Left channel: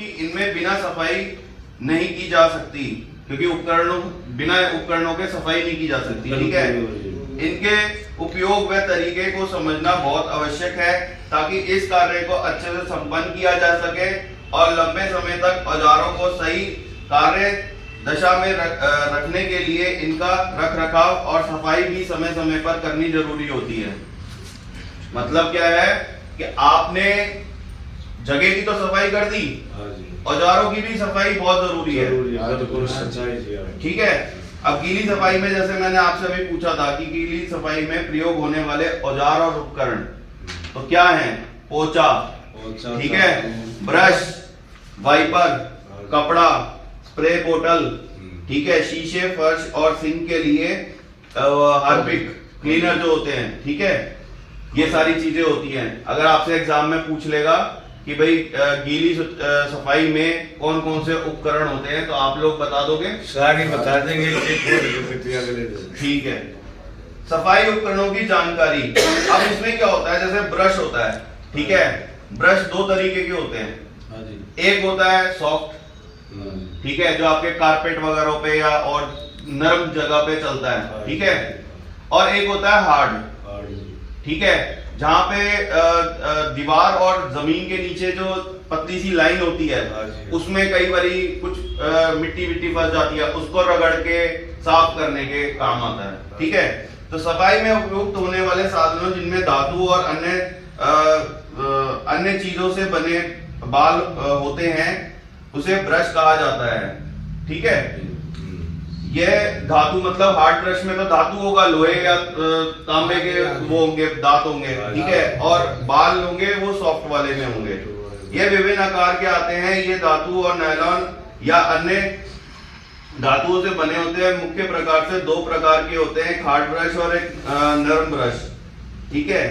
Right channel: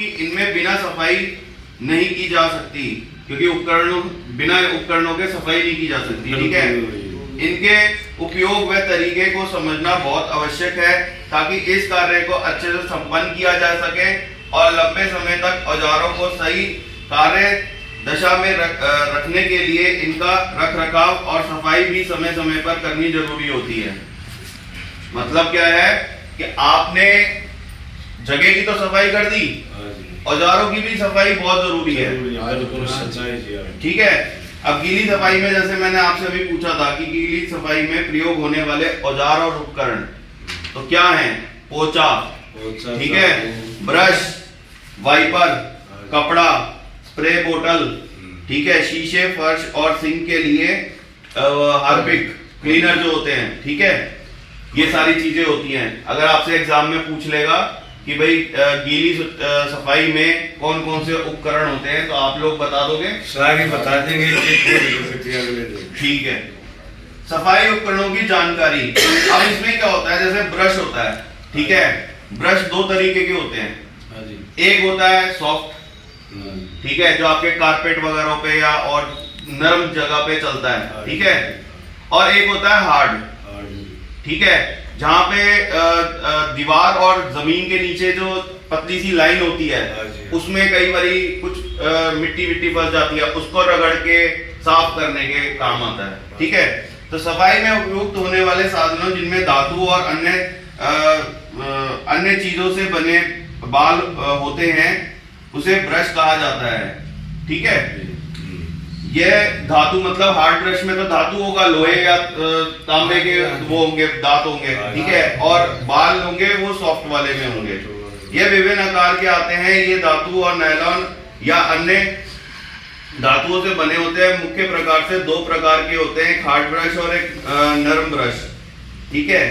कि इनमें बिना सफाई नहीं की जा सकती, क्योंकि बिना उपकरणों के सफाई नहीं की जा सकती। ठीक है, इनके उपयोग व तरीके को समझना बहुत आवश्यक है ताकि इस कार्य को अच्छे से संपन्न किया जा सके और लंबे समय तक औजारों को सही कार्य दशा में रखने के लिए इनका रख रखाव और सफाई भी समय समय पर करनी जरूरी होती है। मतलब क्या है कि आपने जगह की तो सफाई कर दी, औजारों की भी सफाई बहुत जरूरी है। ठीक है, अब गीली सफाई में जैसे मैंने आपसे अभी पूछा था कि गीली सफाई में प्रयोग होने वाले औजार और उपकरण तो क्या हैं? पोचा, ठीक है, ब्रश, वाइपर, कपड़ा, स्प्रे बोतल, ठीक है, शीशे, फर्श और सिंक के लिए हार्पिक क्लीनर जो होते हैं। ठीक है, ये सारी चीजें होती हैं। अगर आपसे एग्जाम में पूछ लेगा कि भाई गीली सफाई में कौन कौन से उपकरण होते हैं तो आप लोग बता दोगे? सारी बता देंगे। ठीक है, सफाई उपकरणों की जानकारी। अब इसमें क्या होता है, जैसे ब्रश होता है, ठीक है, ब्रश दो तरीके के होते हैं। एक होता है सॉफ्ट, ठीक है, जो आपके कारपेट वगैरह पे या और नरम जगह पे चलता है, ठीक है, और एक होता है हार्ड, ठीक है, जहां पे दीवार और जमीन के नीचे जो पतली सी लाइन होती है उसमें कई बारी कुछ मिट्टी विट्टी फंस जाती है, उसको रगड़ के साफ करने के काम आता है। ठीक है, तो सफाई में उपयुक्त होने वाले साधनों जिनमें धातु और अन्य चीजों से बने बाल होते हैं उसे ब्रश कहा जाता है। ठीक है, ये धातु मतलब हार्ड ब्रश में तो धातु होगा, लोहे या तांबे के वो होंगे, दांत होंगे, ठीक है, और बाल होंगे वो सॉफ्ट वाले में होंगे। ये विभिन्न आकार के आते हैं। ये धातु और नायलॉन या अन्य धातुओं से बने होते हैं। मुख्य प्रकार से दो प्रकार के होते हैं, एक हार्ड ब्रश और एक नरम ब्रश। ठीक है,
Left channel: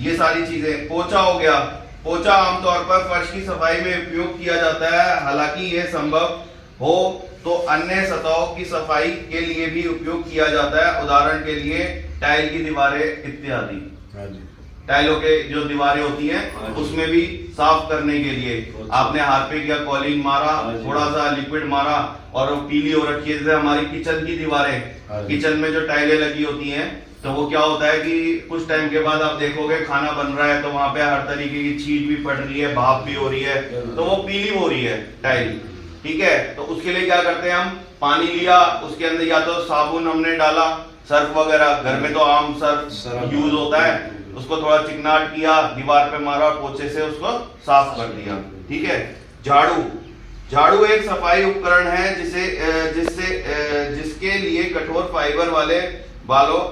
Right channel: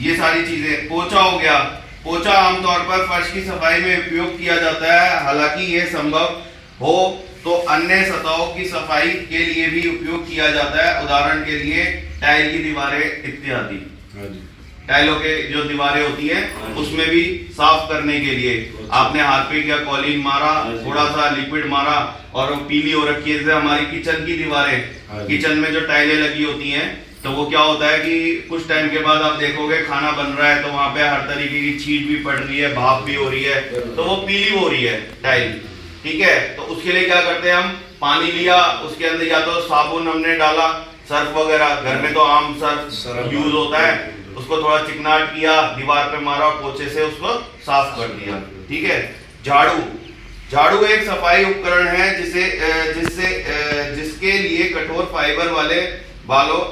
ये सारी चीजें। पोछा हो गया, पोछा आमतौर पर फर्श की सफाई में उपयोग किया जाता है, हालांकि यह संभव हो तो अन्य सतहों की सफाई के लिए भी उपयोग किया जाता है। उदाहरण के लिए टाइल की दीवारें इत्यादि। टाइलों के जो दीवारें होती हैं उसमें भी साफ करने के लिए आपने हार्पिक या कॉलिन मारा, थोड़ा सा लिक्विड मारा और पीली हो रखी है। जैसे हमारी किचन की दीवारें, किचन में जो टाइलें लगी होती हैं तो वो क्या होता है कि कुछ टाइम के बाद आप देखोगे खाना बन रहा है तो वहां पे हर तरीके की छींट भी पड़ रही है, भाप भी हो रही है, तो वो पीली हो रही है टाइल। ठीक है, तो उसके लिए क्या करते हैं, हम पानी लिया, उसके अंदर या तो साबुन हमने डाला, सर्फ वगैरह, घर में तो आम सर्फ यूज होता है, उसको थोड़ा चिकनाट किया, दीवार पे मारा, पोछे से उसको साफ कर दिया। ठीक है, झाड़ू, झाड़ू एक सफाई उपकरण है जिसके लिए कठोर फाइबर वाले बालों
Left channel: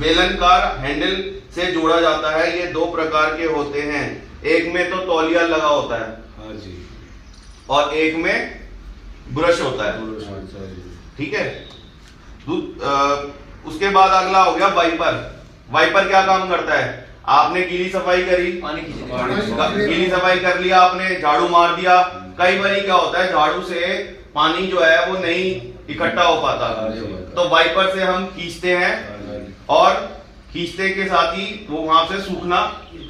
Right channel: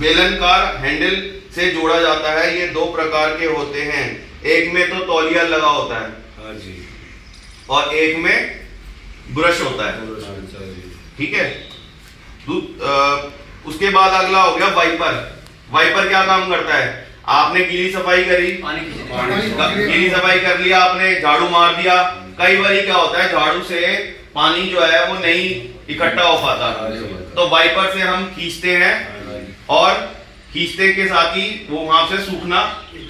बेलनकार हैंडल से जोड़ा जाता है। ये दो प्रकार के होते हैं, एक में तो तौलिया लगा होता है और एक में ब्रश होता है। ठीक है, उसके बाद अगला हो गया वाइपर। वाइपर क्या काम करता है? आपने गीली सफाई करी, गीली सफाई कर लिया आपने, झाड़ू मार दिया, कई बार क्या होता है झाड़ू से पानी जो है वो नहीं इकट्ठा हो पाता, तो वाइपर से हम खींचते हैं और खींचते के साथ ही वो वहां से सूखना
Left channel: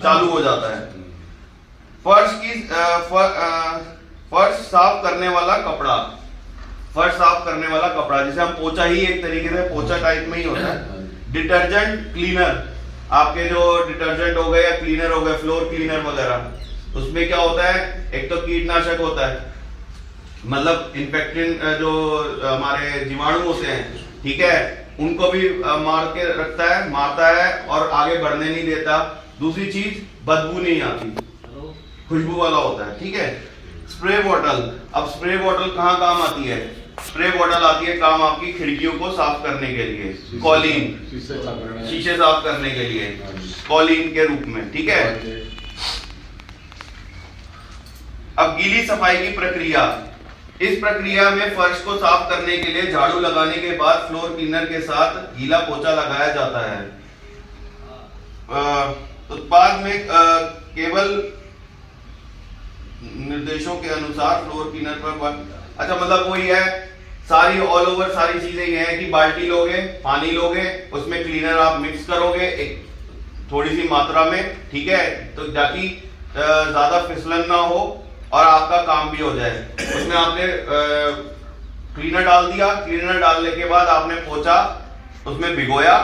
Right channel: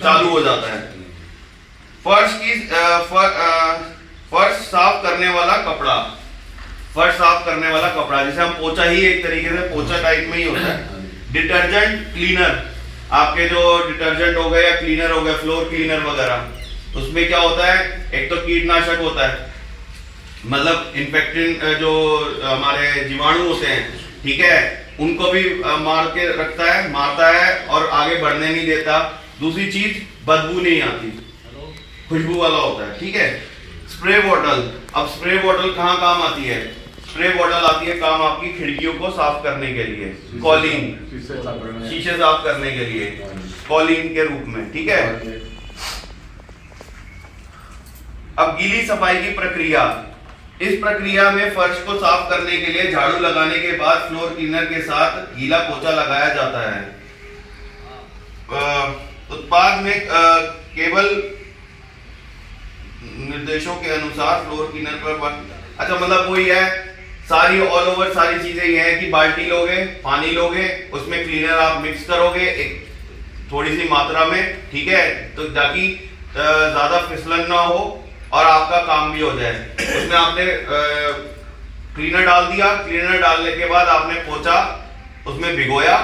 चालू हो जाता है। फर्श साफ करने वाला कपड़ा, फर्श साफ करने वाला कपड़ा जैसे हम पोछा ही एक तरीके से पोछा टाइप में ही होता है। डिटर्जेंट क्लीनर, आपके जो डिटर्जेंट हो गए या क्लीनर हो गए, फ्लोर क्लीनर वगैरह, उसमें क्या होता है, एक तो कीटनाशक होता है, मतलब इन्फेक्टेड जो हमारे जीवाणु होते हैं, ठीक है, उनको भी मार के रखता है, मारता है और आगे बढ़ने नहीं देता। दूसरी चीज बदबू नहीं आती, खुशबू वाला होता है। ठीक है, स्प्रे बॉटल, अब स्प्रे बॉटल कहाँ काम आती है? स्प्रे बॉटल आती है काम आपकी खिड़कियों को साफ करने के लिए, कॉलिन, शीशे साफ करने के लिए कॉलिन के रूप में। ठीक है, अब गीली सफाई की प्रक्रिया। इस प्रक्रिया में फर्श को साफ करने के लिए झाड़ू लगाने के बाद फ्लोर क्लीनर के साथ गीला पोछा लगाया जाता है। उत्पाद में केवल निर्देशों के अनुसार फ्लोर क्लीनर पर, अच्छा मतलब वही है, सारी ऑल ओवर सारी चीजें ये है कि बाल्टी लोगे, पानी लोगे, उसमें क्लीनर आप मिक्स करोगे एक थोड़ी सी मात्रा में, ठीक है, तो ताकि ज्यादा फिसलन ना हो, और आपका काम भी हो जाए। उसमें आपने क्लीनर डाल दिया, क्लीनर डालने के बाद आपने पोंछा, उसमें भिगोया